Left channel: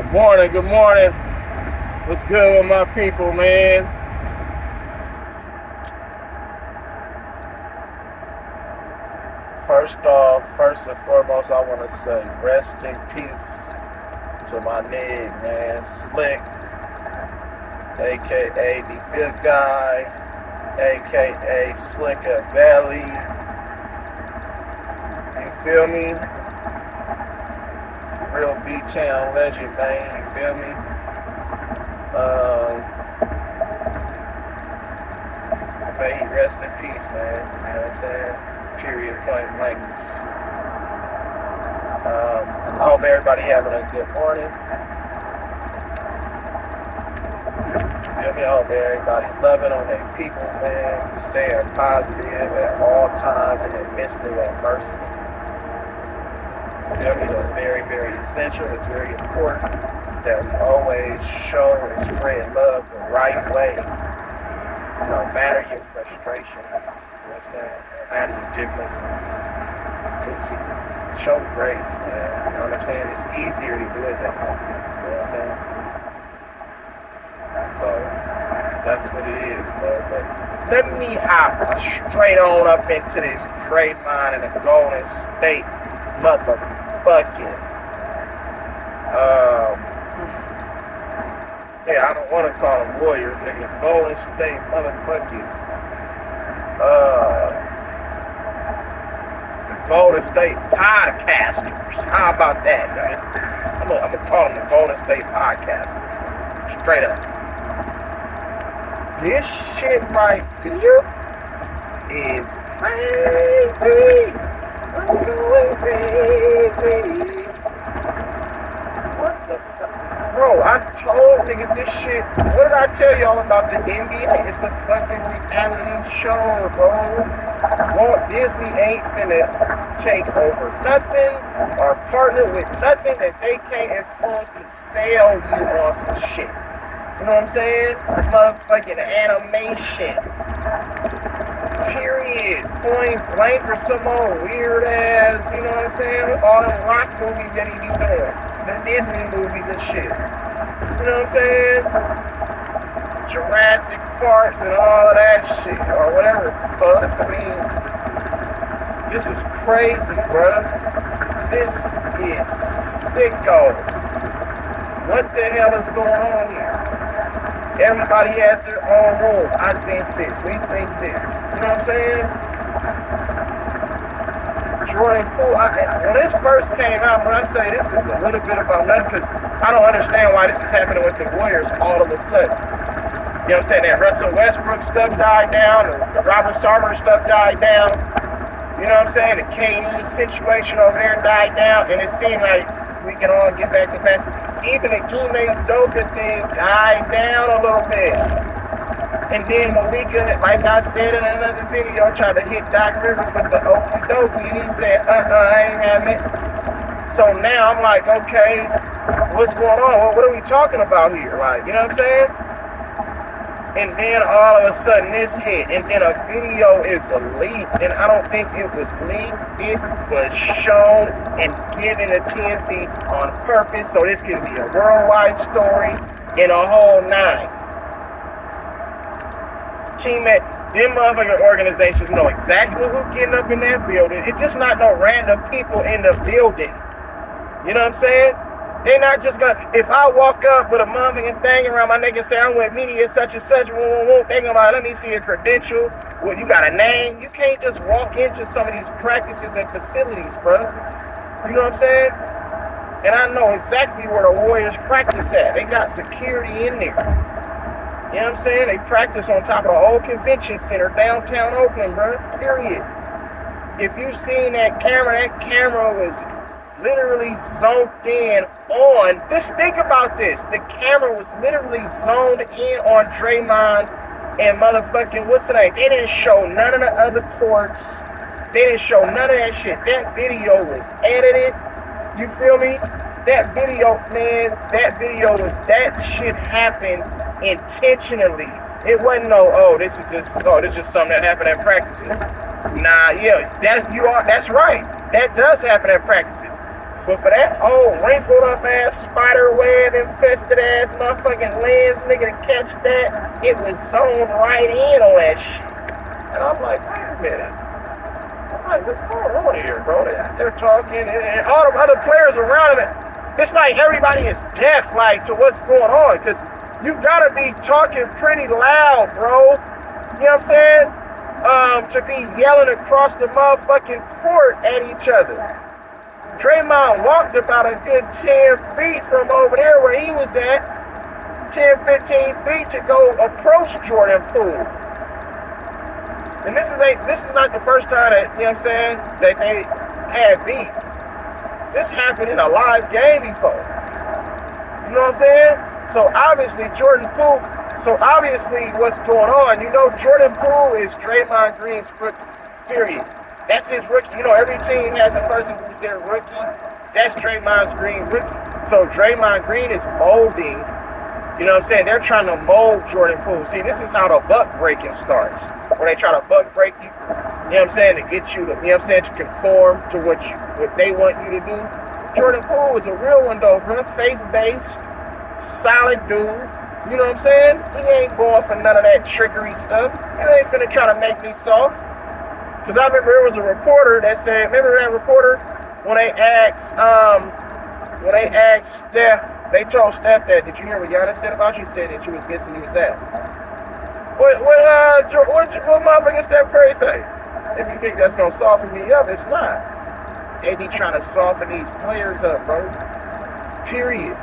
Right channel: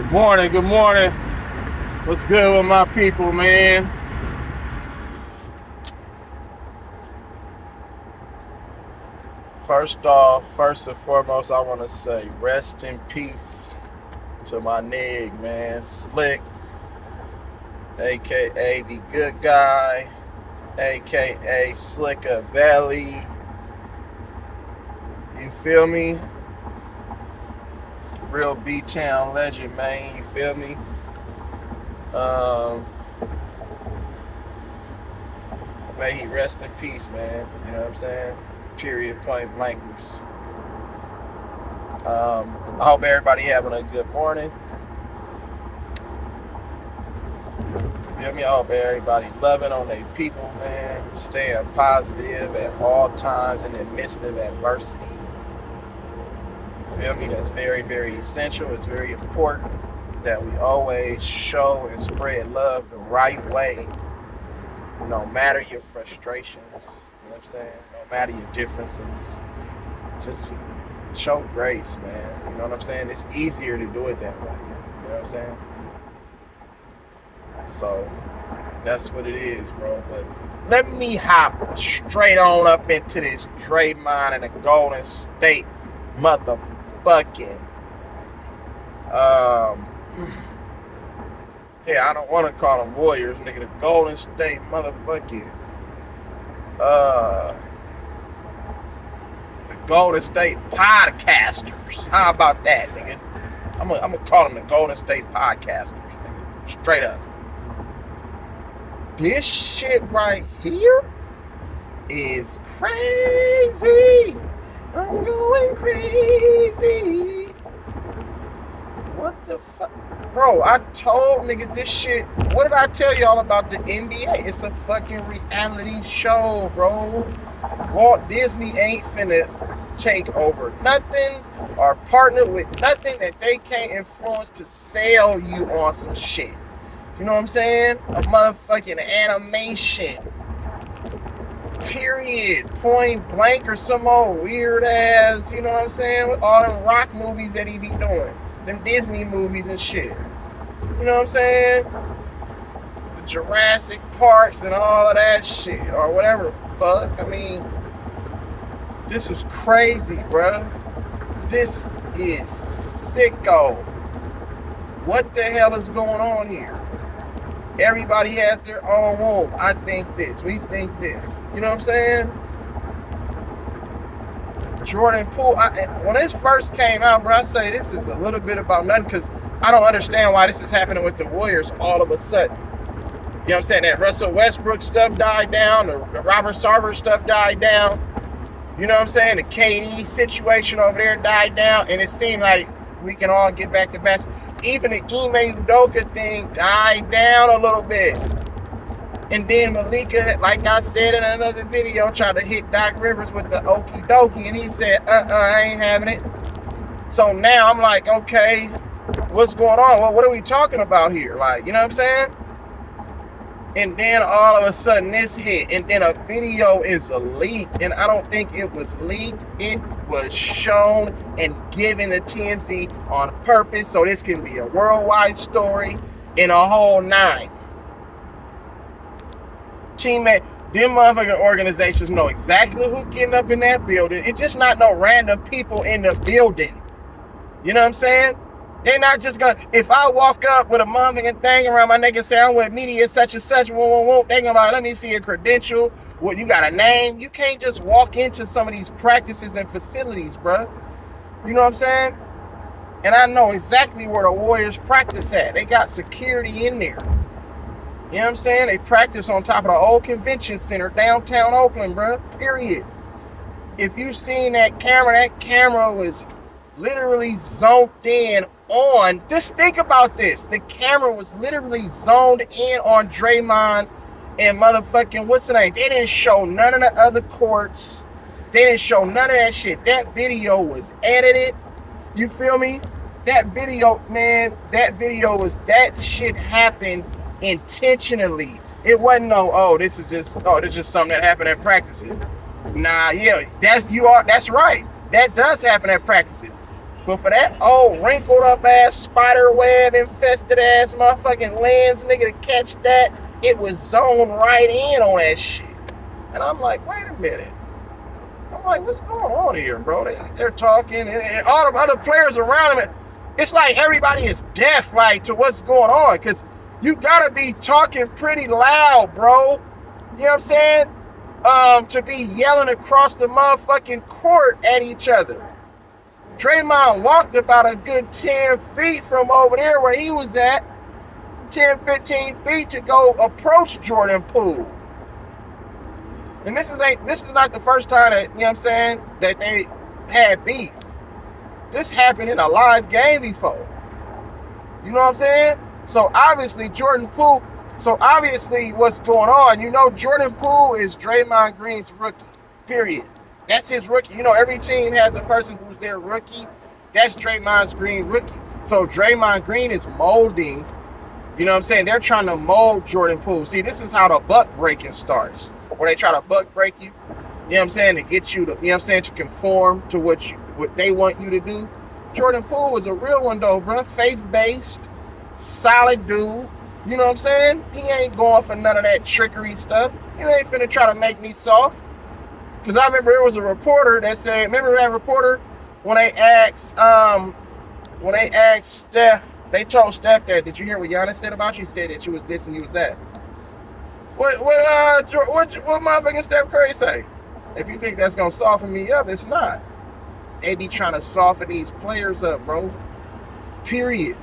Good morning, good morning. What's good with my people, man? First and foremost, I want to say rest in peace to my nigga, man. Slick, a.k.a. the good guy, a.k.a. Slicker Valley. You feel me? Real B-Town legend, man. You feel me? May he rest in peace, man. You know what I'm saying? Period, point blank. I hope everybody having a good morning. You feel me? I hope everybody loving on their people, man. Staying positive at all times in the midst of adversity. You feel me? That's very, very essential. It's very important that we always show and spread love the right way. No matter your frustrations, you know what I'm saying? No matter your differences, just show grace, man. You know what I'm saying? It's easier to do it that way. You know what I'm saying? So, that's what it is, bro. But let me hop straight on up into this Draymond and the Golden State motherfucking, yeah, I don't want to call them Warriors, nigga. The Golden State motherfucking, the Golden State podcasters. How about that, nigga? I'm gonna call them the Golden State podcasters, nigga. Straight up. This shit right here is crazy. I'm going crazy. What the fuck? Bro, I told niggas this shit. What did I tell y'all about the NBA? It's a fucking reality show, bro. Walt Disney ain't finna take over nothing or partner with nothing that they can't influence to sell you on some shit. You know what I'm saying? A motherfucking animation. Period. Point blank or some old weird ass, you know what I'm saying? All them rock movies that he be doing. Them Disney movies and shit. You know what I'm saying? Jurassic Parks and all that shit. Or whatever fuck. I mean, this is crazy, bruh. This is sicko. What the hell is going on here? Everybody has their own room. I think this. We think this. You know what I'm saying? Jordan Poole, when this first came out, when I say this is a little bit about nothing, because I don't understand why this is happening with the Warriors all of a sudden. You know what I'm saying? That Russell Westbrook stuff died down, the Robert Sarver stuff died down. You know what I'm saying? The KD situation over there died down, and it seemed like we can all get back to basketball. Even the Ime Udoka thing died down a little bit. And then Malika, like I said in another video, tried to hit Doc Rivers with the okie dokie, and he said, I ain't having it. So now I'm like, okay, what's going on? What are we talking about here? Like, you know what I'm saying? And then all of a sudden this hit, and then a video is leaked, and I don't think it was leaked. It was shown and given to TMZ on purpose, so this can be a worldwide story in a whole nine. Teammate, them motherfucking organizations know exactly who's getting up in that building. It's just not no random people in the building. You know what I'm saying? They're not just gonna, if I walk up with a motherfucking thing around my neck and say I'm with media such and such, they gonna be like, let me see a credential. Well, you got a name? You can't just walk into some of these practices and facilities, bro. You know what I'm saying? And I know exactly where the Warriors practice at. They got security in there. You know what I'm saying? They practice on top of the old convention center downtown Oakland, bro. Period. If you've seen that camera was literally zoned in on, just think about this. The camera was literally zoned in on Draymond and motherfucking, what's the name? They didn't show none of the other courts. They didn't show none of that shit. That video was edited. You feel me? That video, man, that shit happened intentionally. It wasn't no, this is just something that happened at practices. Nah, yeah, that's right. That does happen at practices. But for that old wrinkled up ass spider web infested ass motherfucking lens nigga to catch that, it was zoned right in on that shit. And I'm like, wait a minute. I'm like, what's going on here, bro? They're talking, and all the other players around him, it's like everybody is deaf, like, to what's going on, because you gotta be talking pretty loud, bro. You know what I'm saying? To be yelling across the motherfucking court at each other. Draymond walked about a good 10 feet from over there where he was at, 10, 15 feet to go approach Jordan Poole. And this is not the first time that, you know what I'm saying, that they had beef. This happened in a live game before. You know what I'm saying? So obviously what's going on, you know, Jordan Poole is Draymond Green's rookie, period. That's his rookie. You know, every team has a person who's their rookie. That's Draymond Green's rookie. So Draymond Green is molding, you know what I'm saying? They're trying to mold Jordan Poole. See, this is how the buck breaking starts. Where they try to buck break you, you know what I'm saying, to get you to, you know what I'm saying, to conform to what they want you to do. Jordan Poole is a real one though, bro. Faith-based, solid dude. You know what I'm saying? He ain't going for none of that trickery stuff. You ain't finna try to make me soft. Because I remember there was a reporter that said, remember that reporter? When they asked Steph, they told Steph that, did you hear what Giannis said about you? He said that you was this and you was that. What motherfucking Steph Curry say? If you think that's gonna soften me up, it's not. They be trying to soften these players up, bro. Period.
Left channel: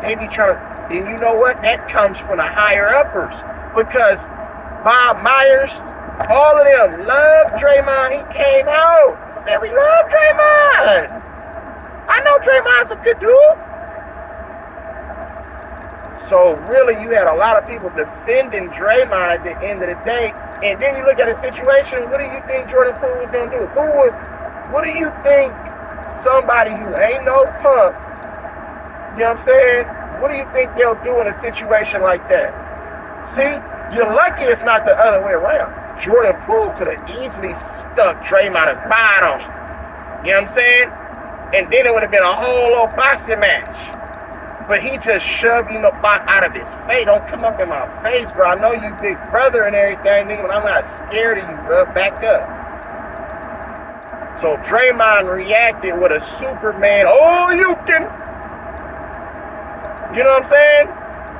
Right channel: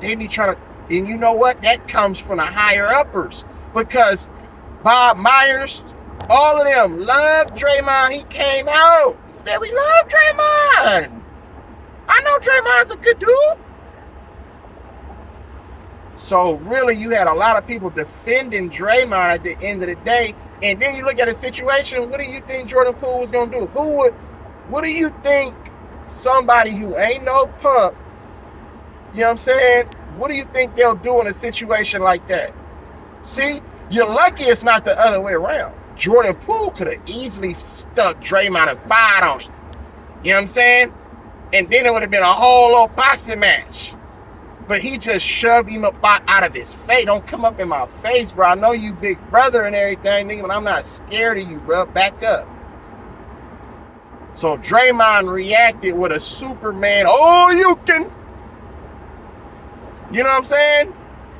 They be trying to, and you know what? That comes from the higher uppers. Because Bob Myers, all of them love Draymond. He came out and said, we love Draymond. I know Draymond's a good dude. So really, you had a lot of people defending Draymond at the end of the day. And then you look at the situation, what do you think Jordan Poole was going to do? What do you think somebody who ain't no punk, you know what I'm saying? What do you think they'll do in a situation like that? See, you're lucky it's not the other way around. Jordan Poole could have easily stuck Draymond and fired on him. You know what I'm saying? And then it would have been a whole little boxing match. But he just shoved him up out of his face. Don't come up in my face, bro. I know you big brother and everything, nigga, but I'm not scared of you, bro. Back up. So Draymond reacted with a Superman. Oh, you can. You know what I'm saying?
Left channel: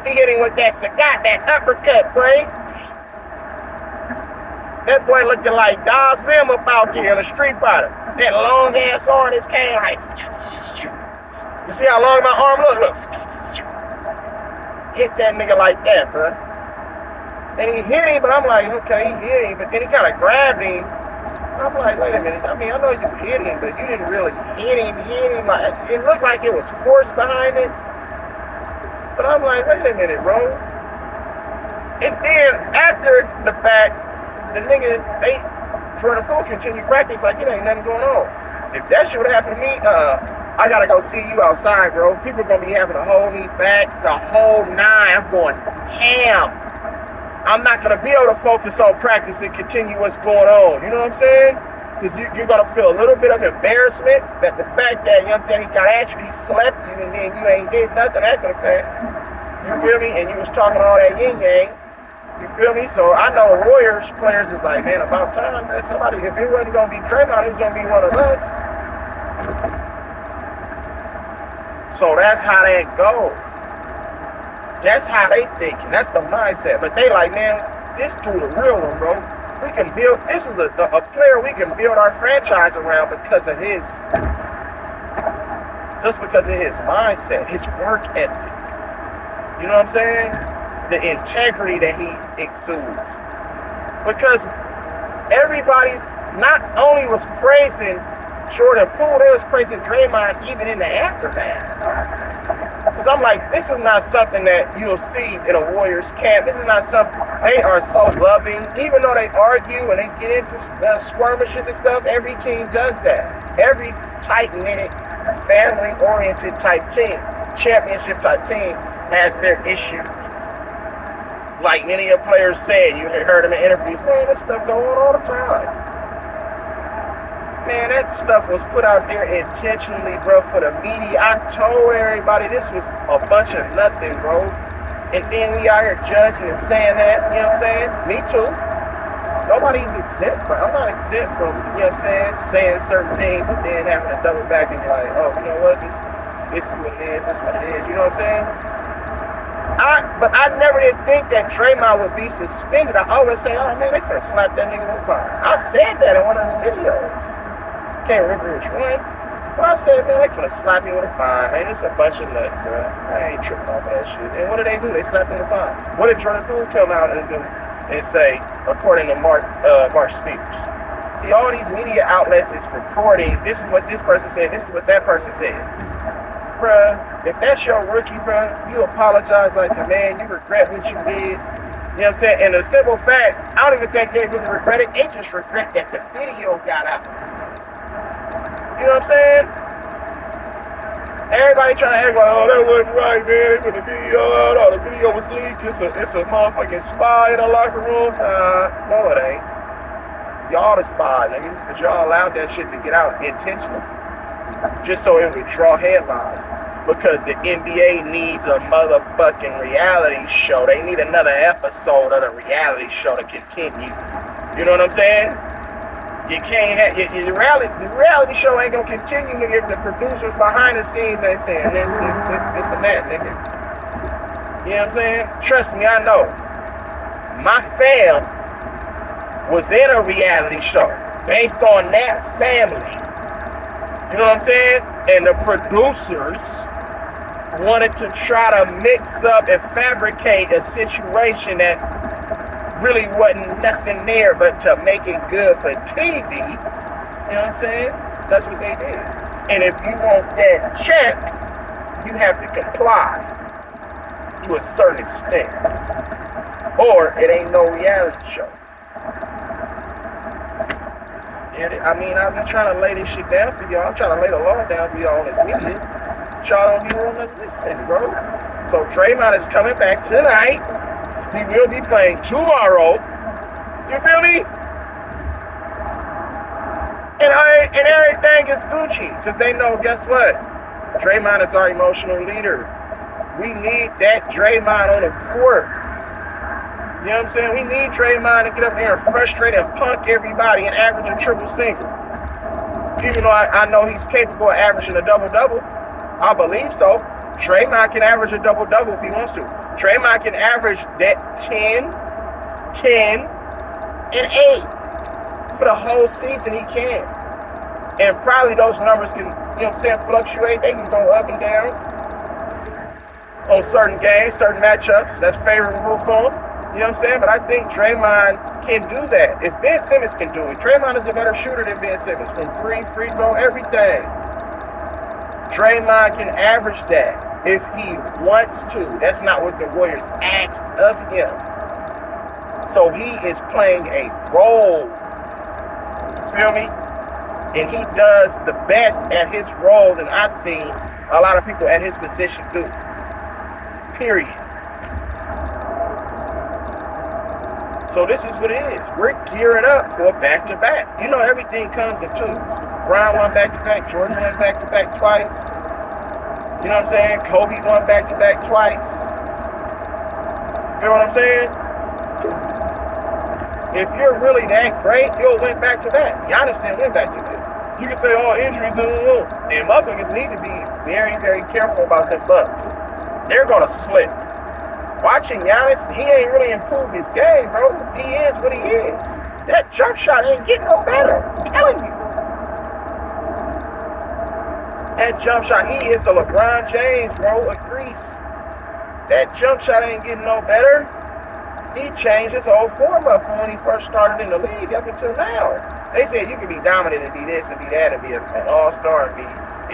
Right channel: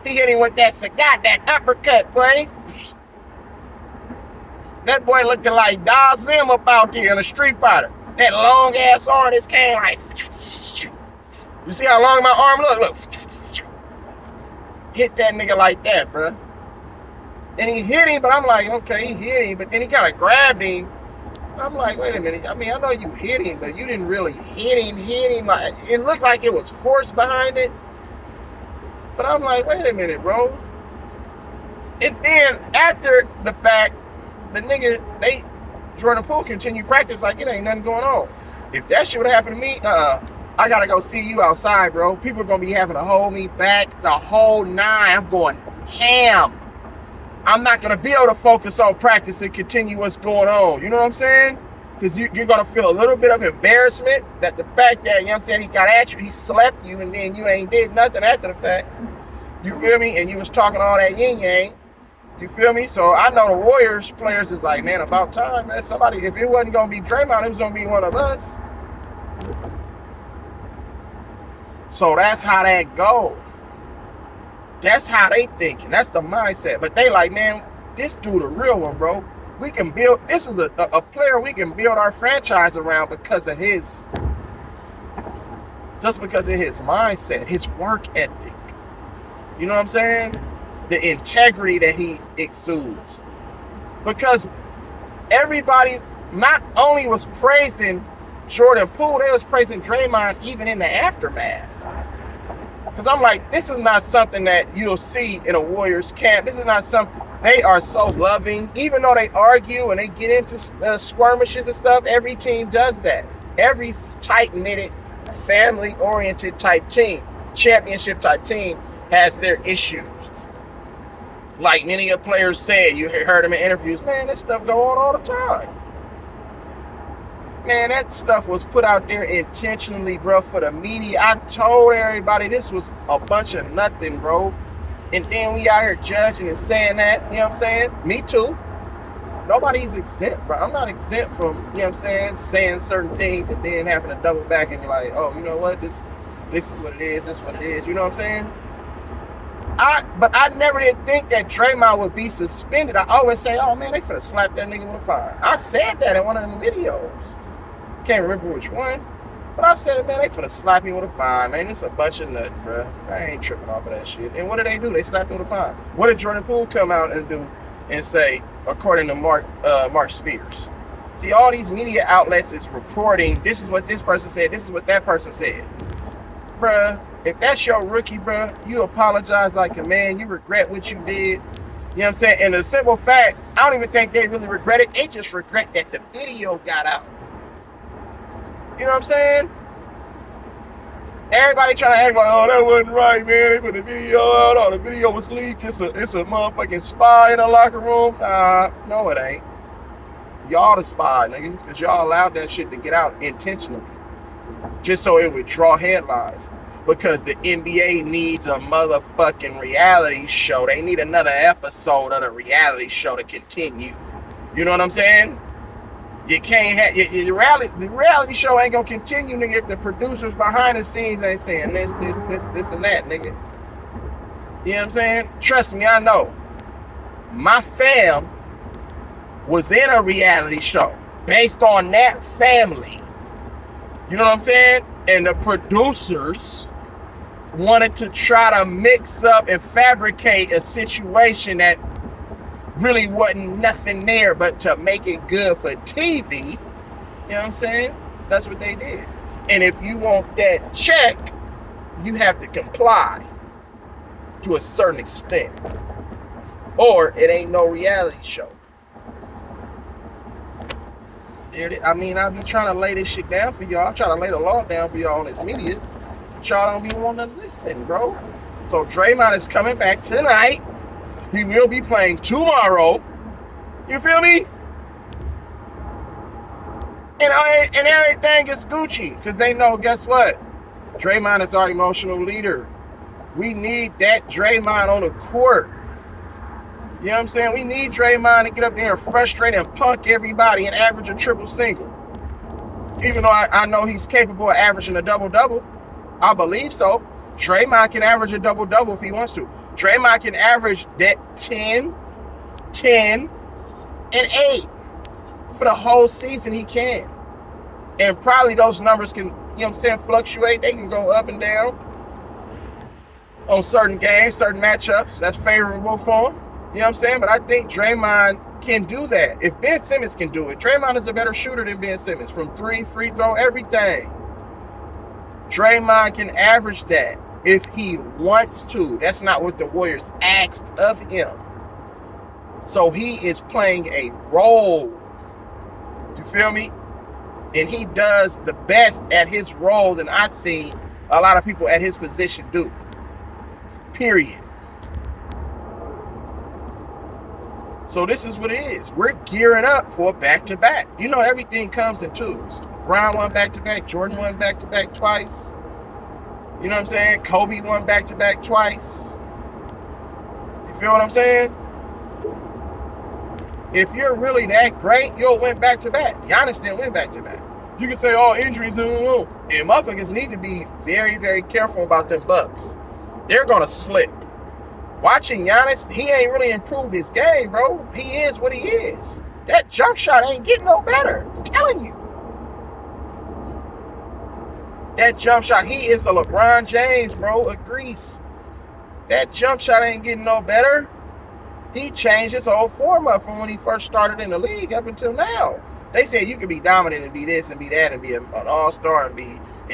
He hit him with that cigar, that uppercut, boy. That boy looking like Dazim up out there in a Street Fighter. That long ass arm just came like. You see how long my arm look? Hit that nigga like that, bro. And he hit him, but I'm like, okay, he hit him, but then he kind of grabbed him. I'm like, wait a minute. I mean, I know you hit him, but you didn't really hit him. Like, it looked like it was force behind it. But I'm like, wait a minute, bro. And then after the fact, the nigga, Jordan Poole continued practice like it ain't nothing going on. If that shit would have happened to me, I gotta go see you outside, bro. People are gonna be having to hold me back the whole nine. I'm going ham. I'm not gonna be able to focus on practice and continue what's going on. You know what I'm saying? Because you're gonna feel a little bit of embarrassment that the fact that, you know what I'm saying, he got at you, he slept you, and then you ain't did nothing after the fact. You feel me? And you was talking all that yin yang. You feel me? So I know the Warriors players is like, man, about time. Man, somebody, if it wasn't gonna be Draymond, it was gonna be one of us. So that's how that go. That's how they thinking. That's the mindset. But they like, man, this dude a real one, bro. We can build, this is a player we can build our franchise around because of his, just because of his mindset, his work ethic. You know what I'm saying? The integrity that he exudes. Because everybody not only was praising Jordan Poole, they was praising Draymond even in the aftermath. Because I'm like, this is not something that you'll see in a Warriors camp. This is not something, they are so loving. Even though they argue and they get into skirmishes and stuff, every team does that. Every tight-knitted, family-oriented type team, championship type team, has their issues. Like many of players said, you heard them in interviews, man, this stuff go on all the time. Man, that stuff was put out there intentionally, bro, for the media. I told everybody this was a bunch of nothing, bro. And then we out here judging and saying that, you know what I'm saying? Me too. Nobody's exempt, but I'm not exempt from, you know what I'm saying certain things and then having to double back and be like, oh, you know what, this is what it is, this is what it is, you know what I'm saying? But I never did think that Draymond would be suspended. I always say, oh man, they finna slap that nigga with a fine. I said that in one of them videos. Can't remember which one. But I said, man, they finna slap him with a fine, man. It's a bunch of nothing, bro. I ain't tripping off of that shit. And what did they do? They slapped him with a fine. What did Jordan Poole come out and do and say, according to Mark Spears? See, all these media outlets is reporting, this is what this person said, this is what that person said. Bruh, if that's your rookie, bruh, you apologize like a man, you regret what you did. You know what I'm saying? And the simple fact, I don't even think they really regret it. They just regret that the video got out. You know what I'm saying? Everybody trying to act like, oh, that wasn't right, man. They put the video out. Oh, the video was leaked. It's a motherfucking spy in the locker room. No, it ain't. Y'all the spy, nigga. Because y'all allowed that shit to get out intentionally. Just so it would draw headlines. Because the NBA needs a motherfucking reality show. They need another episode of the reality show to continue. You know what I'm saying? You can't have the reality show ain't gonna continue, nigga, if the producers behind the scenes ain't saying this and that, nigga. You know what I'm saying? Trust me, I know. My fam was in a reality show based on that family. You know what I'm saying? And the producers wanted to try to mix up and fabricate a situation that really wasn't nothing there but to make it good for TV. You know what I'm saying? That's what they did. And if you want that check, you have to comply to a certain extent. Or it ain't no reality show. I mean, I'll be trying to lay this shit down for y'all. I'm trying to lay the law down for y'all on this media. Y'all don't be willing to listen, bro. So Draymond is coming back tonight. He will be playing tomorrow. You feel me? And everything is Gucci. Because they know, guess what? Draymond is our emotional leader. We need that Draymond on the court. You know what I'm saying? We need Draymond to get up there and frustrate and punk everybody and average a triple single. Even though I know he's capable of averaging a double-double. I believe so. Draymond can average a double-double if he wants to. Draymond can average that 10, and 8 for the whole season. He can. And probably those numbers can, you know what I'm saying, fluctuate. They can go up and down on certain games, certain matchups. That's favorable for him. You know what I'm saying? But I think Draymond can do that. If Ben Simmons can do it, Draymond is a better shooter than Ben Simmons. From 3, free throw, everything. Draymond can average that if he wants to. That's not what the Warriors asked of him. So he is playing a role. You feel me? And he does the best at his role than I've seen a lot of people at his position do. Period. So this is what it is. We're gearing up for a back-to-back. You know, everything comes in twos. Brown won back-to-back. Jordan won back-to-back twice. You know what I'm saying? Kobe won back-to-back twice. You feel what I'm saying? If you're really that great, you'll win back-to-back. Giannis didn't win back-to-back. You can say, oh, injuries, and motherfuckers need to be very, very careful about them Bucks. They're going to slip. Watching Giannis, he ain't really improved his game, bro. He is what he is. That jump shot ain't getting no better. I'm telling you. That jump shot, he is the LeBron James, bro, of Greece. That jump shot ain't getting no better. He changed his whole form up from when he first started in the league up until now. They said you can be dominant and be this and be that and be an all-star and be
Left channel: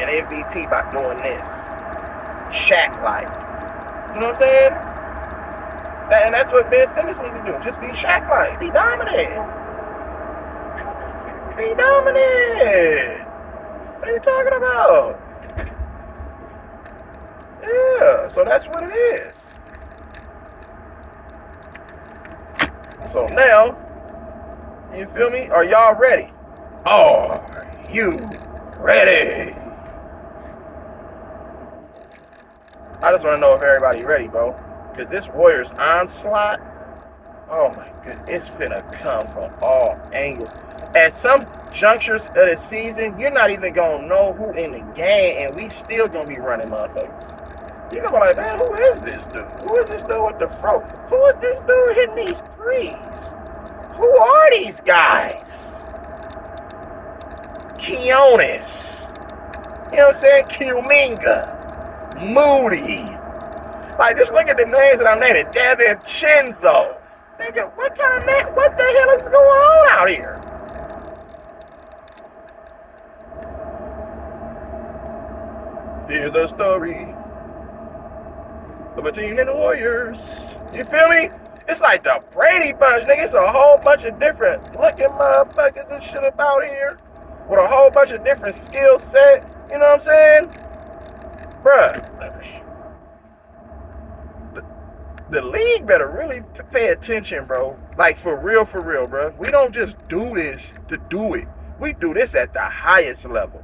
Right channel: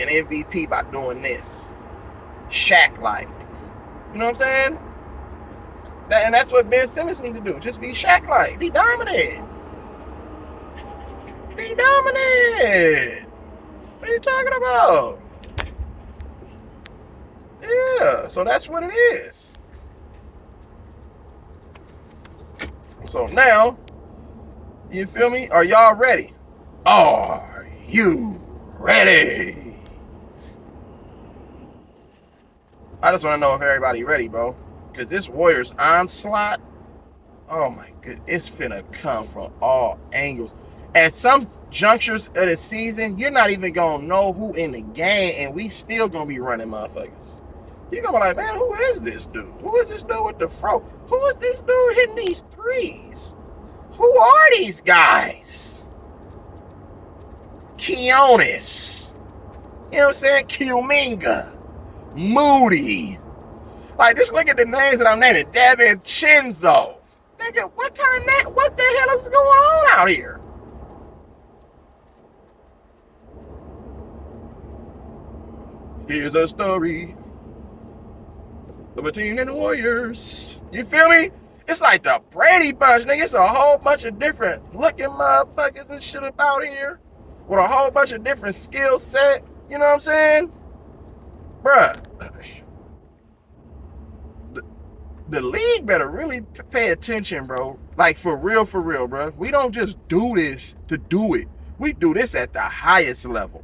an MVP by doing this. Shaq-like. You know what I'm saying? And that's what Ben Simmons needs to do. Just be Shaq-like. Be dominant. Be dominant. What are you talking about? Yeah, so that's what it is. So now, you feel me? Are y'all ready? Oh, you ready? I just want to know if everybody ready, bro. Because this Warriors onslaught, oh my goodness, it's finna come from all angles. At some junctures of the season, you're not even gonna know who in the game, and we still gonna be running motherfuckers. You're gonna be like, man, who is this dude? Who is this dude with the fro? Who is this dude hitting these threes? Who are these guys? Keonis. You know what I'm saying? Kuminga. Moody. Like, just look at the names that I'm naming. Devin Chinzo. Nigga, what the hell is going on out here? Here's a story of a team and the Warriors. You feel me? It's like the Brady Bunch, nigga. It's a whole bunch of different looking motherfuckers and shit about here with a whole bunch of different skill set. You know what I'm saying? Bruh. The league better really pay attention, bro. Like, for real, bro. We don't just do this to do it. We do this at the highest level.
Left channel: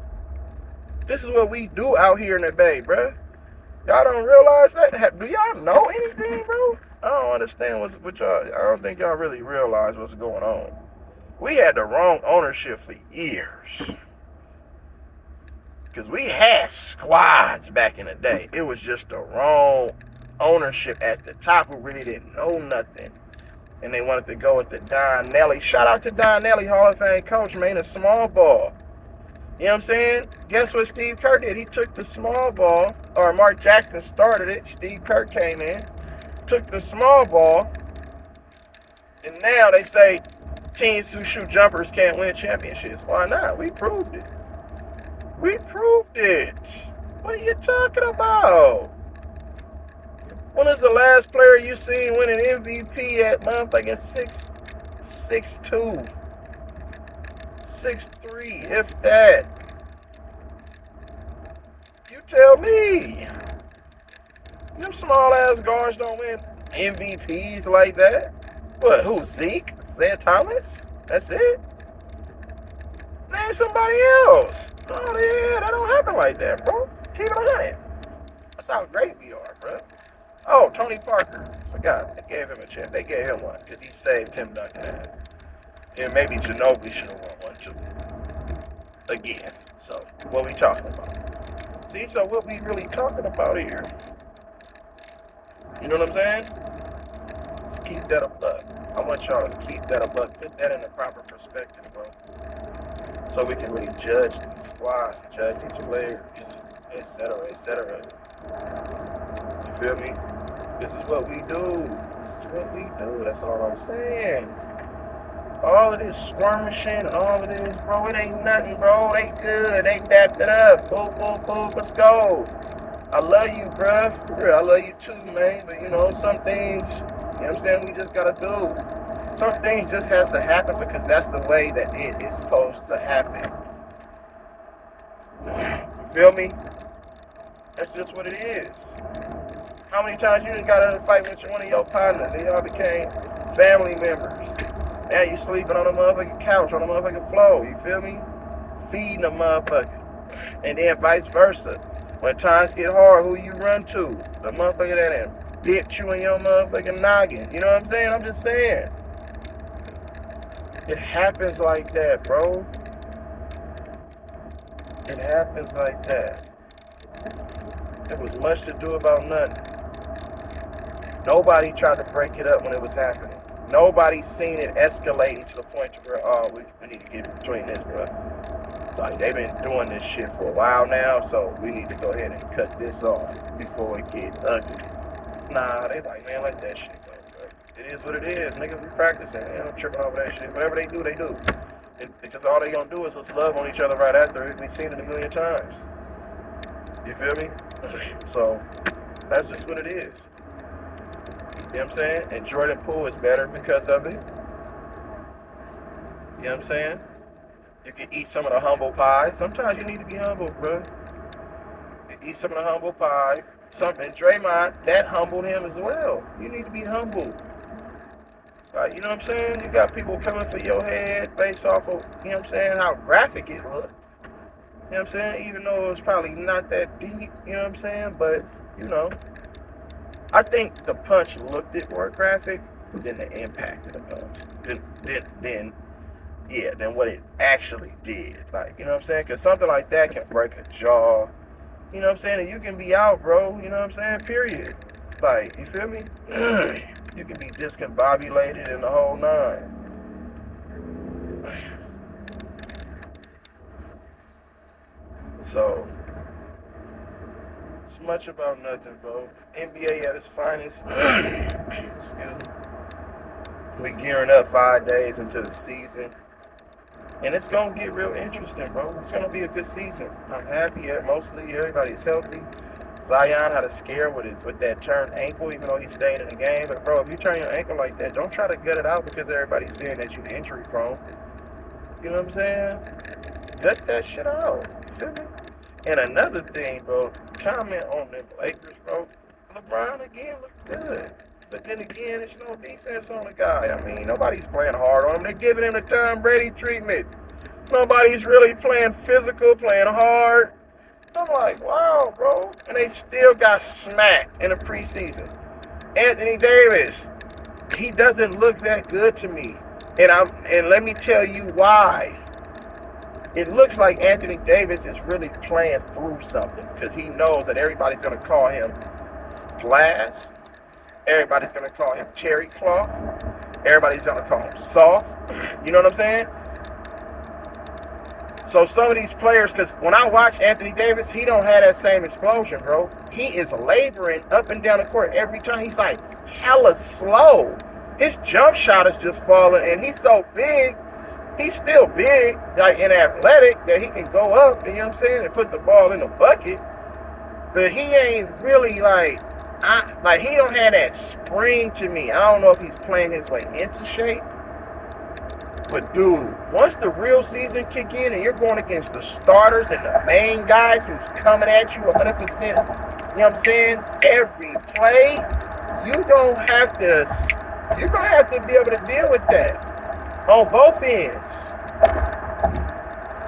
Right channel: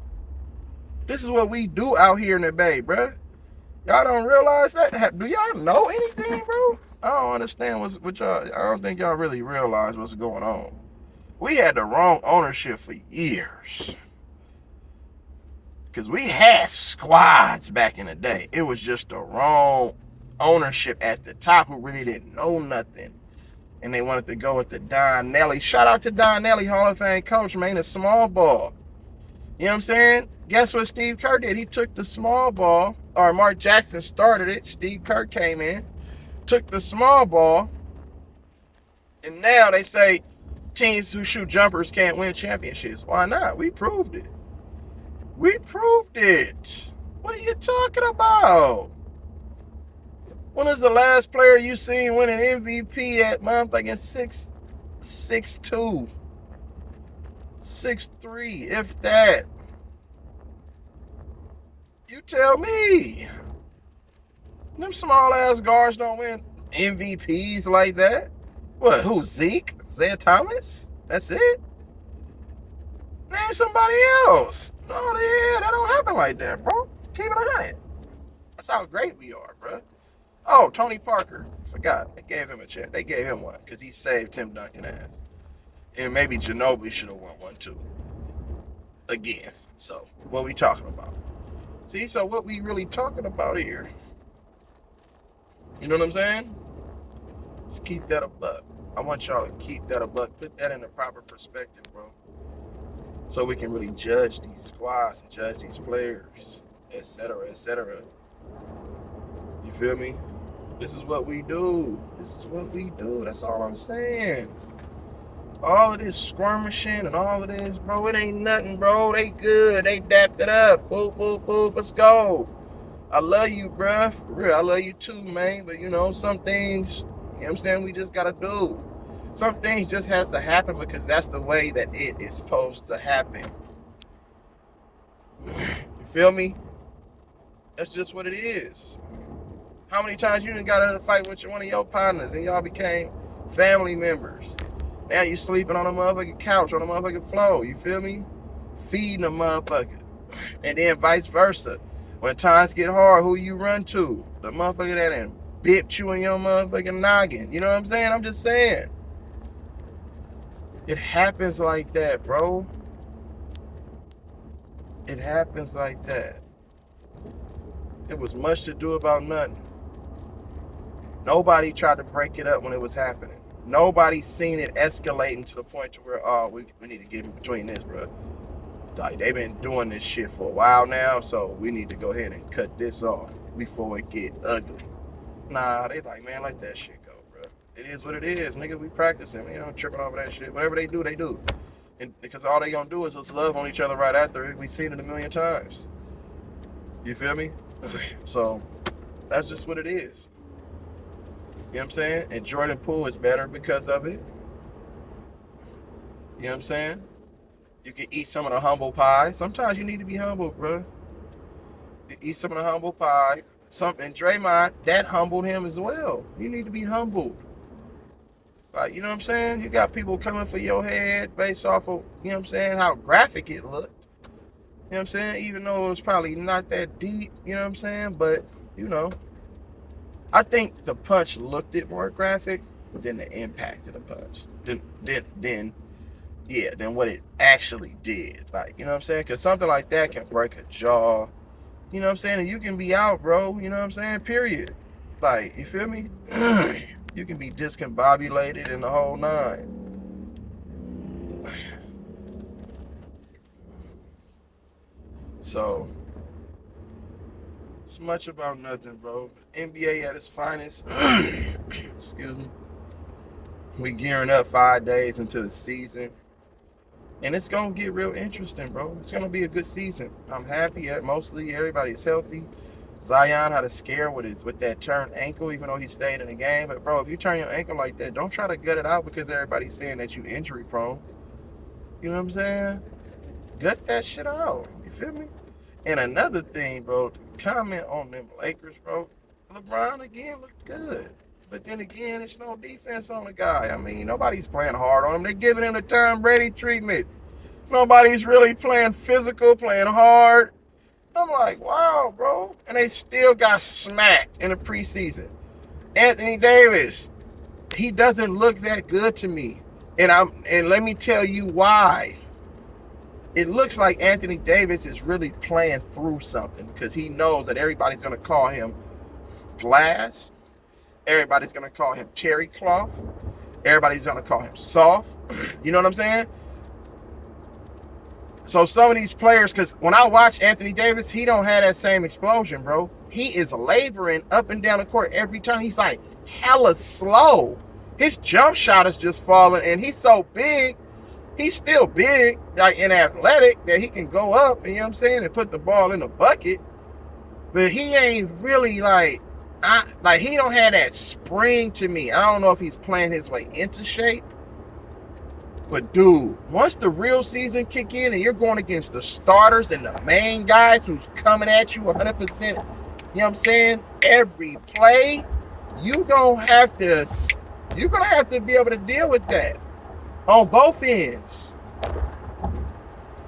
This is what we do out here in the Bay, bro. Y'all don't realize that? Do y'all know anything, bro? I don't understand what y'all... I don't think y'all really realize what's going on. We had the wrong ownership for years. Because we had squads back in the day. It was just the wrong ownership at the top who really didn't know nothing. And they wanted to go with the Don Nelly. Shout out to Don Nelly, Hall of Fame coach, man. A small ball. You know what I'm saying? Guess what Steve Kerr did? He took the small ball, or Mark Jackson started it. Steve Kerr came in, took the small ball, and now they say teams who shoot jumpers can't win championships. Why not? We proved it. We proved it. What are you talking about? When is the last player you seen win an MVP at motherfucking 6'2", 6'3", if that? You tell me. Them small ass guards don't win MVPs like that. What? Who? Zeke? Zay Thomas? That's it? Name somebody else. Oh yeah, that don't happen like that, bro. Keep it 100. That's how great we are, bro. Oh, Tony Parker. Forgot. They gave him a chance. They gave him one because he saved Tim Duncan ass. And maybe Ginobili should have won one too. Again. So, what we talking about? See, so what we really talking about here? You know what I'm saying? Let's keep that a buck. I want y'all to keep that a buck. Put that in the proper perspective, bro. So we can really judge these squads and judge these players, etc., etc. You feel me? This is what we do. This is what we do. That's all I'm saying. All of this skirmishing and all of this, bro, it ain't nothing, bro. They good. They dapped it up. Boop, boop, boop. Let's go. I love you, bruh. For real, I love you too, man. But, you know, some things, you know what I'm saying, we just got to do. Some things just has to happen because that's the way that it is supposed to happen. You feel me? That's just what it is. How many times you done got in a fight with one of your partners and y'all became family members? Now you sleeping on a motherfucking couch, on a motherfucking floor, you feel me? Feeding a motherfucker. And then vice versa. When times get hard, who you run to? The motherfucker that done bipped you in your motherfucking noggin. You know what I'm saying? I'm just saying. It happens like that, bro. It happens like that. There was much to do about nothing. Nobody tried to break it up when it was happening. Nobody seen it escalating to the point to where, oh, we need to get in between this, bro. Like, they've been doing this shit for a while now, so we need to go ahead and cut this off before it get ugly. Nah, they like, man, let that shit go, bro. It is what it is. Niggas be practicing. They don't tripping over that shit. Whatever they do, they do. And because all they gonna do is just love on each other right after it. We've seen it a million times. You feel me? So, that's just what it is. You know what I'm saying? And Jordan Poole is better because of it. You know what I'm saying? You can eat some of the humble pie. Sometimes you need to be humble, bro. You eat some of the humble pie. And Draymond, that humbled him as well. You need to be humble. Like, you know what I'm saying? You got people coming for your head based off of, you know what I'm saying, how graphic it looked. You know what I'm saying? Even though it was probably not that deep, you know what I'm saying? But, you know, I think the punch looked it more graphic than the impact of the punch. Than what it actually did. Like, you know what I'm saying? Because something like that can break a jaw. You know what I'm saying? And you can be out, bro. You know what I'm saying? Period. Like, you feel me? You can be discombobulated in the whole nine. So, it's much about nothing, bro. NBA at its finest. Excuse me. We gearing up 5 days into the season. And it's going to get real interesting, bro. It's going to be a good season. I'm happy that mostly everybody's healthy. Zion had a scare with that turned ankle, even though he stayed in the game. But, bro, if you turn your ankle like that, don't try to gut it out because everybody's saying that you're injury prone. You know what I'm saying? Gut that shit out. You feel me? And another thing, bro, comment on them Lakers, bro. LeBron, again, looked good. But then again, there's no defense on the guy. I mean, nobody's playing hard on him. They're giving him the Tom Brady treatment. Nobody's really playing physical, playing hard. I'm like, wow, bro. And they still got smacked in the preseason. Anthony Davis, he doesn't look that good to me. And let me tell you why. It looks like Anthony Davis is really playing through something because he knows that everybody's going to call him glass. Everybody's going to call him terry cloth. Everybody's going to call him soft. You know what I'm saying? So some of these players, because when I watch Anthony Davis, he don't have that same explosion, bro. He is laboring up and down the court every time. He's like hella slow. His jump shot is just falling, and he's so big. He's still big, like, and athletic, that he can go up, you know what I'm saying, and put the ball in the bucket. But he ain't really like he don't have that spring to me. I don't know if he's playing his way into shape. But dude, once the real season kick in and you're going against the starters and the main guys who's coming at you 100%, you know what I'm saying, every play, you're going to have to be able to deal with that on both ends.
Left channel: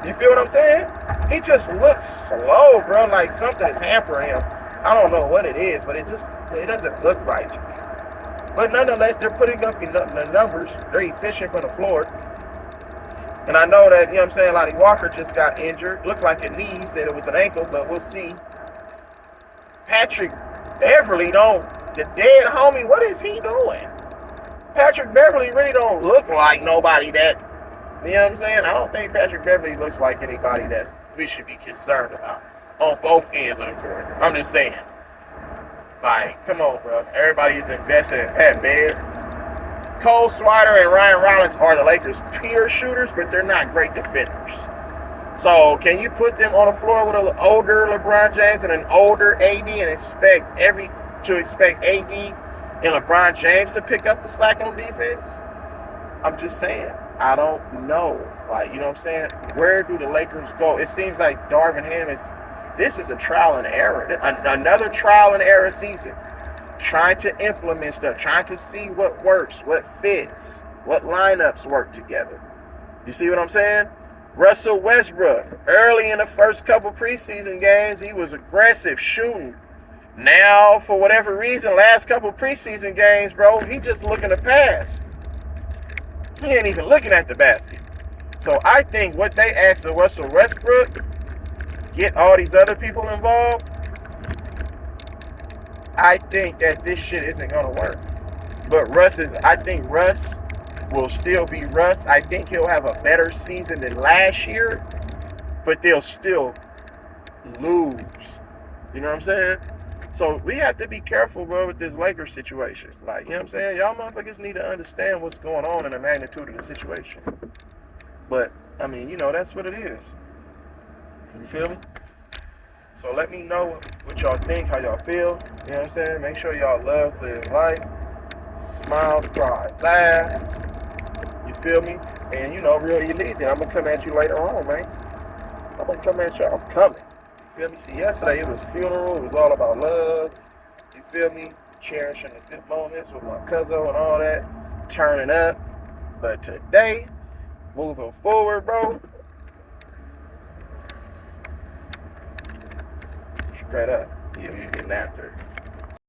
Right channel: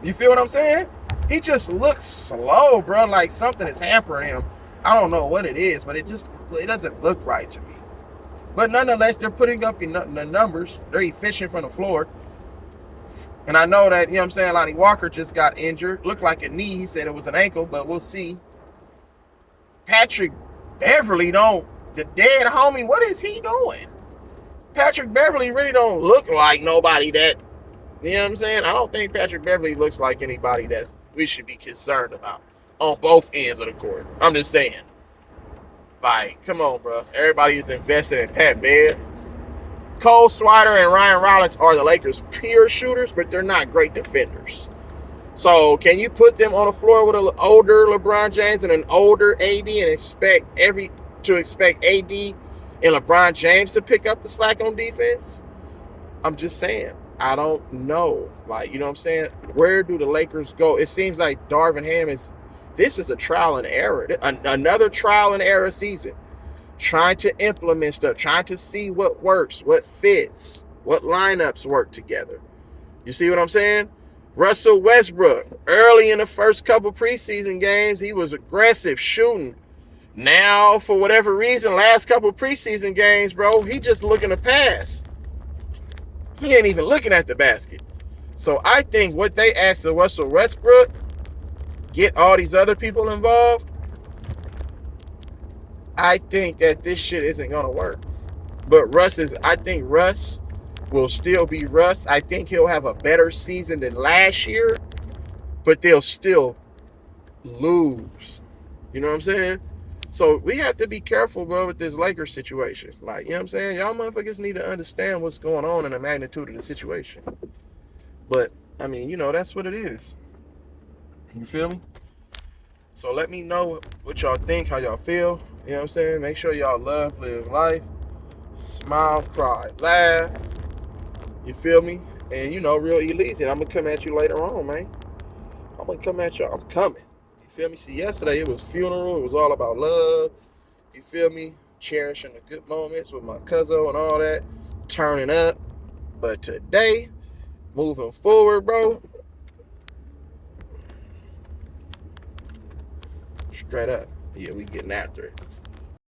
You feel what I'm saying? He just looks slow, bro, like something is hampering him. I don't know what it is, but it doesn't look right to me. But nonetheless, they're putting up the numbers. They're efficient from the floor. And I know that, you know what I'm saying, Lonnie Walker just got injured. Looked like a knee. He said it was an ankle, but we'll see. Patrick Beverly the dead homie, what is he doing? Patrick Beverly really don't look like nobody that, you know what I'm saying? I don't think Patrick Beverly looks like anybody that we should be concerned about on both ends of the court. I'm just saying. Like, come on, bro. Everybody's invested in Pat Bev. Cole Swider and Ryan Rollins are the Lakers' pure shooters, but they're not great defenders. So can you put them on the floor with an older LeBron James and an older AD and expect AD and LeBron James to pick up the slack on defense? I'm just saying. I don't know. Like, you know what I'm saying? Where do the Lakers go? It seems like Darvin Ham this is a trial and error. Another trial and error season. Trying to implement stuff, trying to see what works, what fits, what lineups work together. You see what I'm saying? Russell Westbrook, early in the first couple preseason games, he was aggressive, shooting. Now, for whatever reason, last couple preseason games, bro, he just looking to pass. He ain't even looking at the basket. So I think what they asked of Russell Westbrook, get all these other people involved, I think that this shit isn't going to work. But I think Russ will still be Russ. I think he'll have a better season than last year, but they'll still lose. You know what I'm saying? So we have to be careful, bro, with this Lakers situation. Like, you know what I'm saying? Y'all motherfuckers need to understand what's going on and the magnitude of the situation. But, I mean, you know, that's what it is. You feel me? So let me know what y'all think, how y'all feel. You know what I'm saying? Make sure y'all live life. Smile, cry, laugh. You feel me? And you know, real E-Leezy. I'm going to come at you later on, man. I'm going to come at y'all. I'm coming. You feel me? See, yesterday it was funeral. It was all about love. You feel me? Cherishing the good moments with my cousin and all that. Turning up. But today, moving forward, bro, Straight up. Yeah, we getting after it.